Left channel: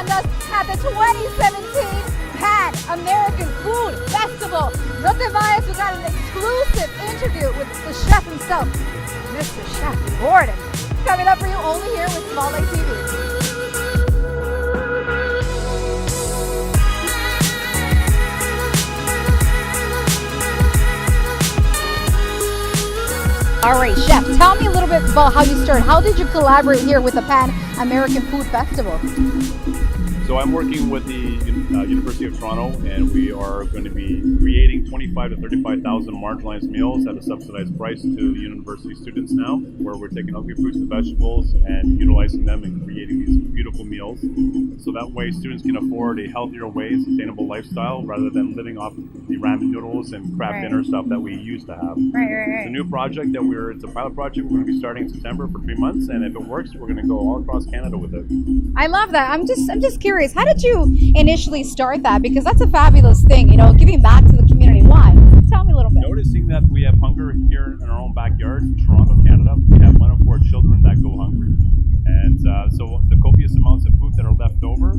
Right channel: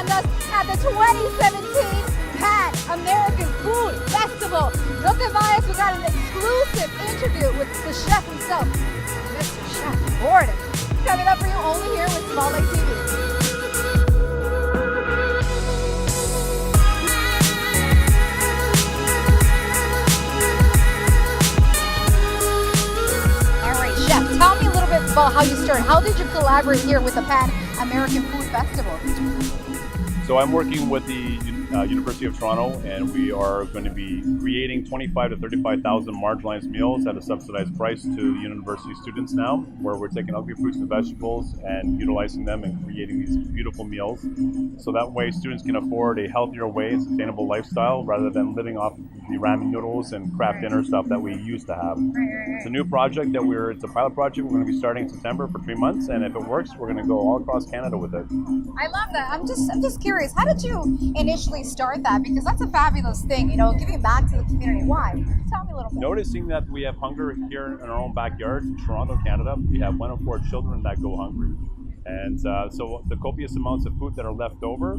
joined us at the 2017 Pan-American Food Festival. No te vayas, we got an exclusive interview with the chef himself, Mr. Chef Gordon. Coming up for you only here with Small Lake TV. All right, Chef, tell me a little bit about how you started. How did you collaborate here with the Pan-American Food Festival? So I'm working with the University of Toronto, and we are going to be creating 25 to 35,000 marginalized meals at a subsidized price to university students now, where we're taking ugly fruits and vegetables and utilizing them and creating these beautiful meals. So that way students can afford a healthier way, sustainable lifestyle, rather than living off the ramen noodles and craft dinner stuff that we used to have. It's a new project it's a pilot project we're going to be starting in September for 3 months, and if it works, we're going to go all across Canada with it. I love that. I'm just curious, how did you initially start that? Because that's a fabulous thing, giving back to the community. Why? Tell me a little bit. Noticing that we have hunger here in our own backyard, in Toronto, Canada, we have 1 in 4 children that go hungry. And so the copious amounts of food that are left over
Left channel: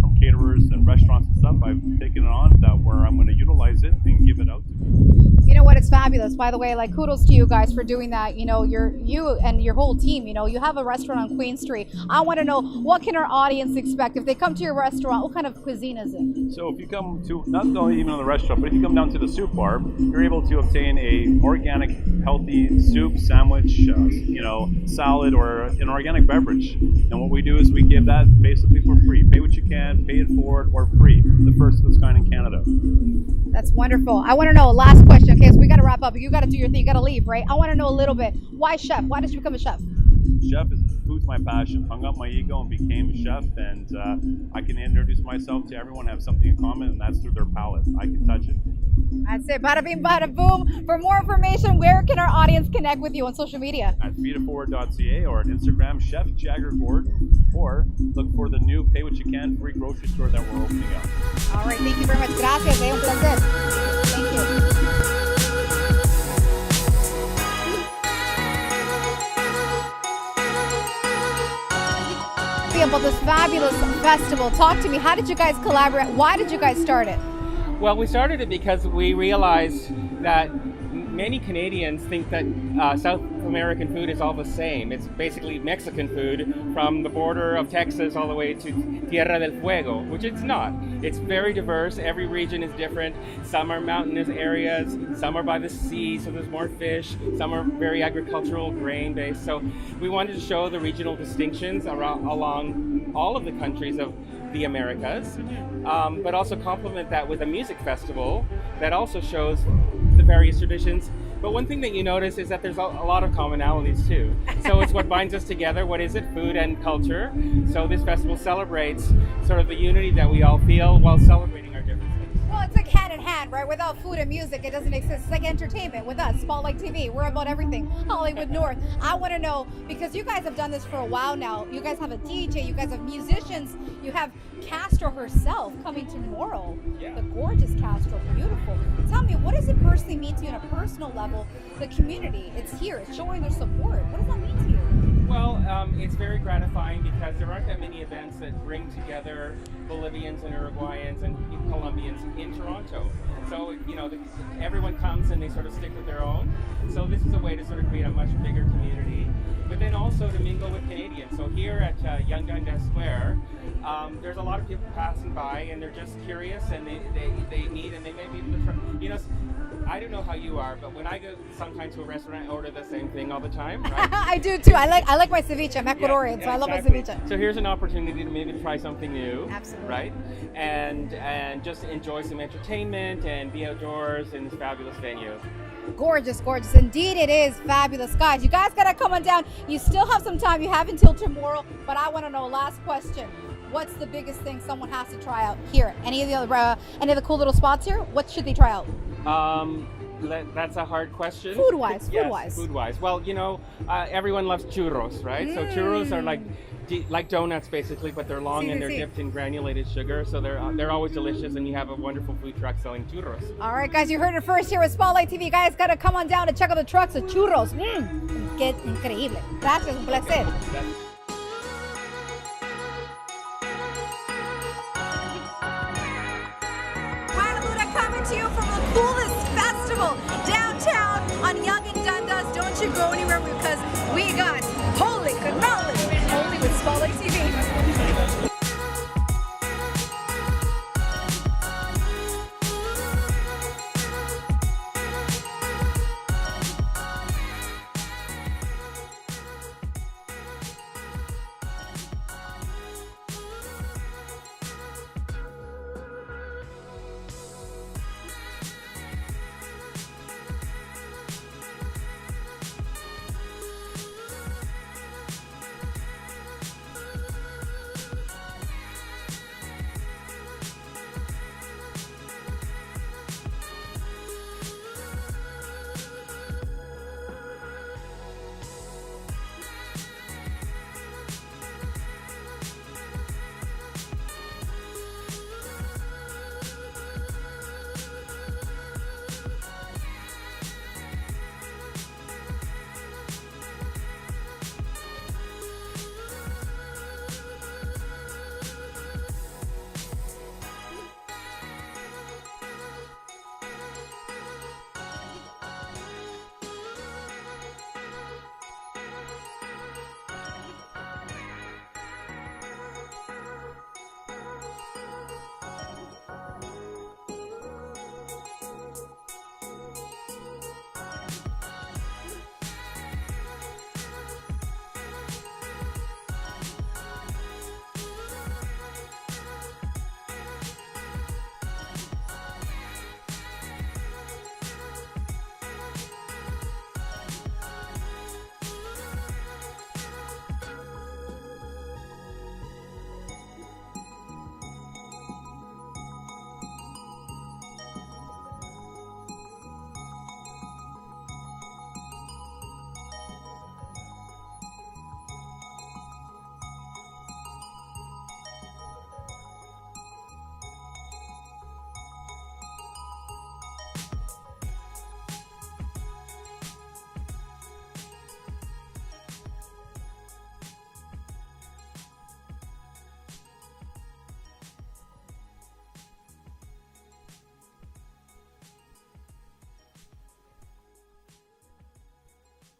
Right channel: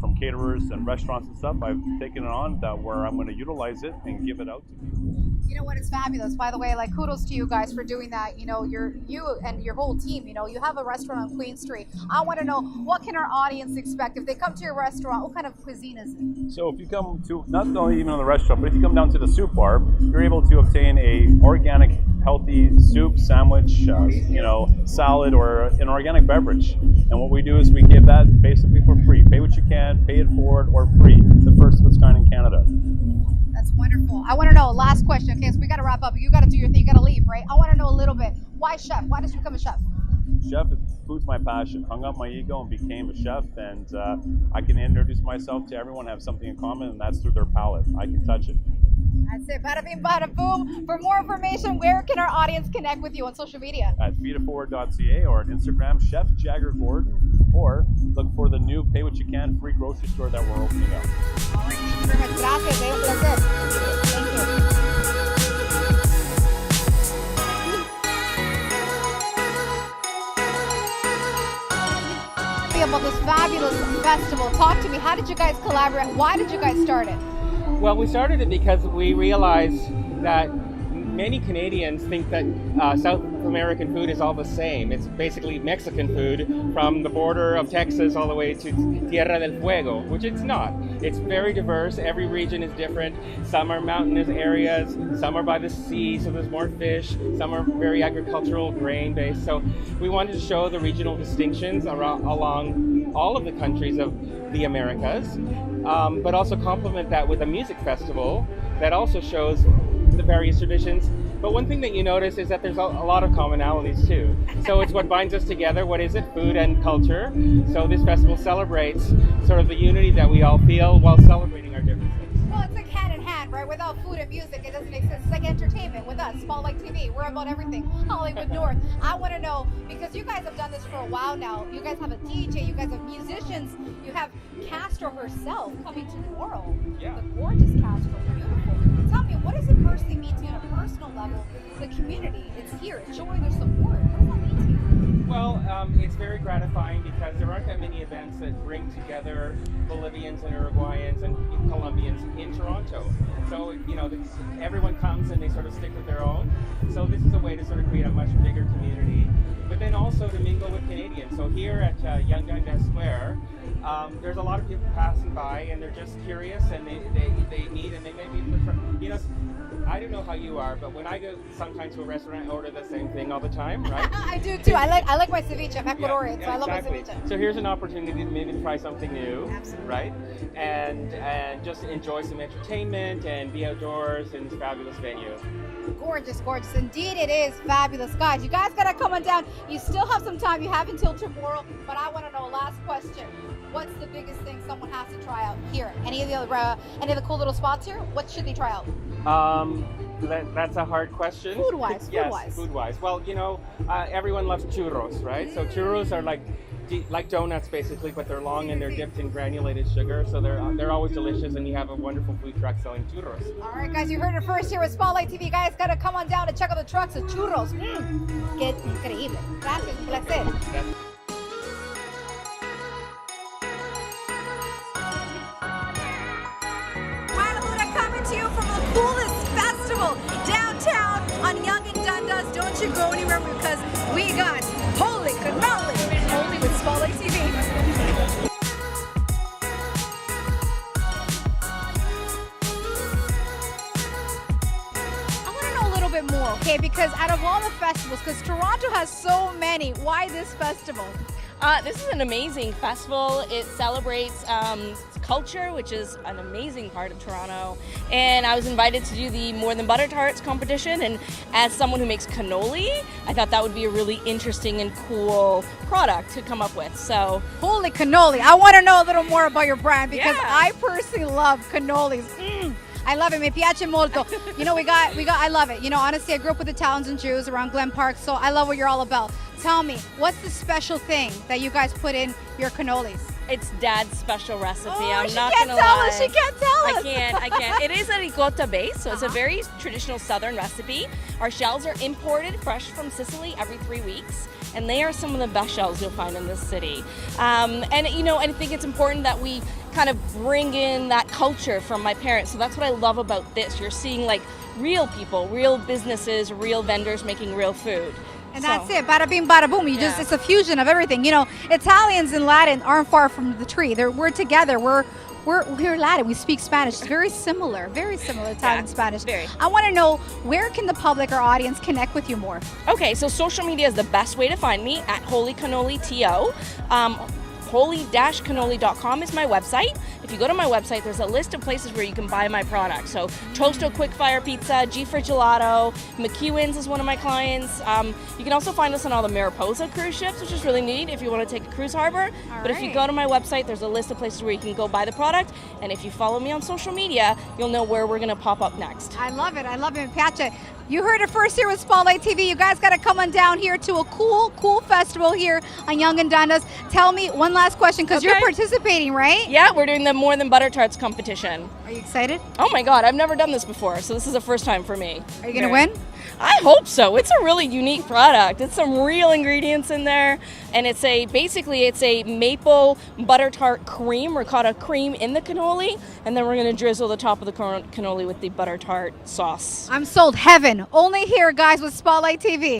from caterers and restaurants and stuff, I've taken it on where I'm going to utilize it and give it out to people. You know what? It's fabulous. By the way, kudos to you guys for doing that. You and your whole team. You have a restaurant on Queen Street. I want to know, what can our audience expect if they come to your restaurant? What kind of cuisine is it? So if you come to, not only even on the restaurant, but if you come down to the soup bar, you're able to obtain a organic, healthy soup, sandwich, salad, or an organic beverage. And what we do is we give that basically for free. Pay what you can, pay it forward, or free. The first of its kind in Canada. That's wonderful. I want to know, last question. Okay, so we got to wrap up. You got to do your thing. You got to leave, right? I want to know a little bit. Why chef? Why did you become a chef? Food's my passion. Hung up my ego and became a chef, and I can introduce myself to everyone, have something in common, and that's through their palate. I can touch it. That's it. Bada bing, bada boom. For more information, where can our audience connect with you on social media? At feeditforward.ca or on Instagram, Chef Jagger Gordon, or look for the new Pay What You Can free grocery store that we're opening up. All right. Thank you very much. Gracias. Un placer. Thank you. About this fabulous festival. Talk to me. How did you guys collaborate? Why did you guys start it? Well, we started it because we realized that many Canadians think that South American food is all the same. It's basically Mexican food from the border of Texas all the way to Tierra del Fuego, which it's not. It's very diverse. Every region is different. Some are mountainous areas, some are by the sea, so there's more fish. Some are very agricultural, grain-based. So we wanted to show the regional distinctions along all of the countries of the Americas, but also complement that with a music festival that also shows the various traditions. But one thing that you notice is that there's a lot of commonalities too. So it's what binds us together. What is it? Food and culture. So this festival celebrates sort of the unity that we all feel while celebrating our differences. Well, it's like hand in hand, right? Without food and music, it doesn't exist. It's like entertainment with us, Small Lake TV. We're about everything. Hollywood North. I want to know, because you guys have done this for a while now. You guys have a DJ, you guys have musicians, you have Castro herself coming tomorrow. Yeah. The gorgeous Castro, beautiful. Tell me, what does it personally mean to you on a personal level? The community, it's here, it's showing their support. What does that mean to you? Well, it's very gratifying because there aren't that many events that bring together Bolivians and Uruguayans and Colombians in Toronto. So, everyone comes and they sort of stick with their own. So this is a way to sort of create a much bigger community, but then also to mingle with Canadians. So here at Young Dundas Square, there's a lot of people passing by and they're just curious and they need, and they may be, I don't know how you are, but when I go sometimes to a restaurant, I order the same thing all the time, right? I do too. I like my ceviche. I'm Ecuadorian, so I love my ceviche. So here's an opportunity to maybe try something new. Absolutely. Right? And just enjoy some entertainment and be outdoors in this fabulous venue. Gorgeous, gorgeous. Indeed, it is fabulous. Guys, you guys got to come on down. You still have some time. You have until tomorrow, but I want to know, last question. What's the biggest thing someone has to try out here? Any of the cool little spots here? What should they try out? That's a hard question. Food-wise, yes, food-wise. Food-wise. Well, everyone loves churros, right? So churros are like donuts basically, but they're long and they're dipped in granulated sugar, so they're always delicious, and you have a wonderful food truck selling churros. All right, guys, you heard it first here with Spotlight TV. You guys got to come on down and check out the trucks of churros. Qué increíble. Gracias, un placer. to you from the coolest festival downtown on Yonge and Dundas. Don't you go anywhere because we got Holy Cannoli only with Spotlight TV. Because out of all the festivals, because Toronto has so many, why this festival? This is an amazing festival. It celebrates culture, which is an amazing part of Toronto. And I was invited to do the More Than Butter Tarts competition. And as someone who makes cannoli, I thought that would be a really interesting and cool product to come up with. So, holy cannoli! I want to know a little more about your brand because Yeah. I personally love cannolis. I love it. Me piace molto. You know, I love it. You know, honestly, I grew up with Italians and Jews around Glen Park, so I love what you're all about. Tell me, what's the special thing that you guys put in your cannolis? it's Dad's special recipe. I'm she not can't gonna tell lie. us. She can't tell us. I can't. It is a ricotta base, so it's a very traditional Southern recipe. Our shells are imported fresh from Sicily every 3 weeks, and they are some of the best shells you'll find in this city. And you know, I think it's important that we kind of bring in that culture from my parents. So that's what I love about this. You're seeing like real people, real businesses, real vendors making real food. And that's it, bada bing, bada boom. You just, it's a fusion of everything. You know, Italians and Latin aren't far from the tree. We're together. We're Latin. We speak Spanish. It's very similar, Italian Spanish. Very. I want to know, where can the public or audience connect with you more? Okay, so social media is the best way to find me at Holy Cannoli TO. Holy-cannoli.com is my website. If you go to my website, there's a list of places where you can buy my products. So Toasto Quick Fire Pizza, G for Gelato, McEwen's is one of my clients. You can also find us on all the Mariposa cruise ships, which is really neat if you want to take a cruise harbor. But if you go to my website, there's a list of places where you can go buy the product. And if you follow me on social media, you'll know where we're going to pop up next. I love it. I love it. Pacha, you heard it first here with Spotlight TV. You guys got to come on down here to a cool festival here on Yonge and Dundas. Tell me one last question, because you're participating, right? Yeah, we're doing the More Than Butter Tarts competition. Are you excited? Oh my God, I've never done this before, so this is the first time for me. Are you going to win? I hope so. It's a really unique product. It's some real ingredients in there, and it's basically a maple butter tart cream, ricotta cream in the cannoli, and then we're going to drizzle the top of the cannoli with the butter tart sauce. I'm sold. Heaven. Only here, guys, with Spotlight TV.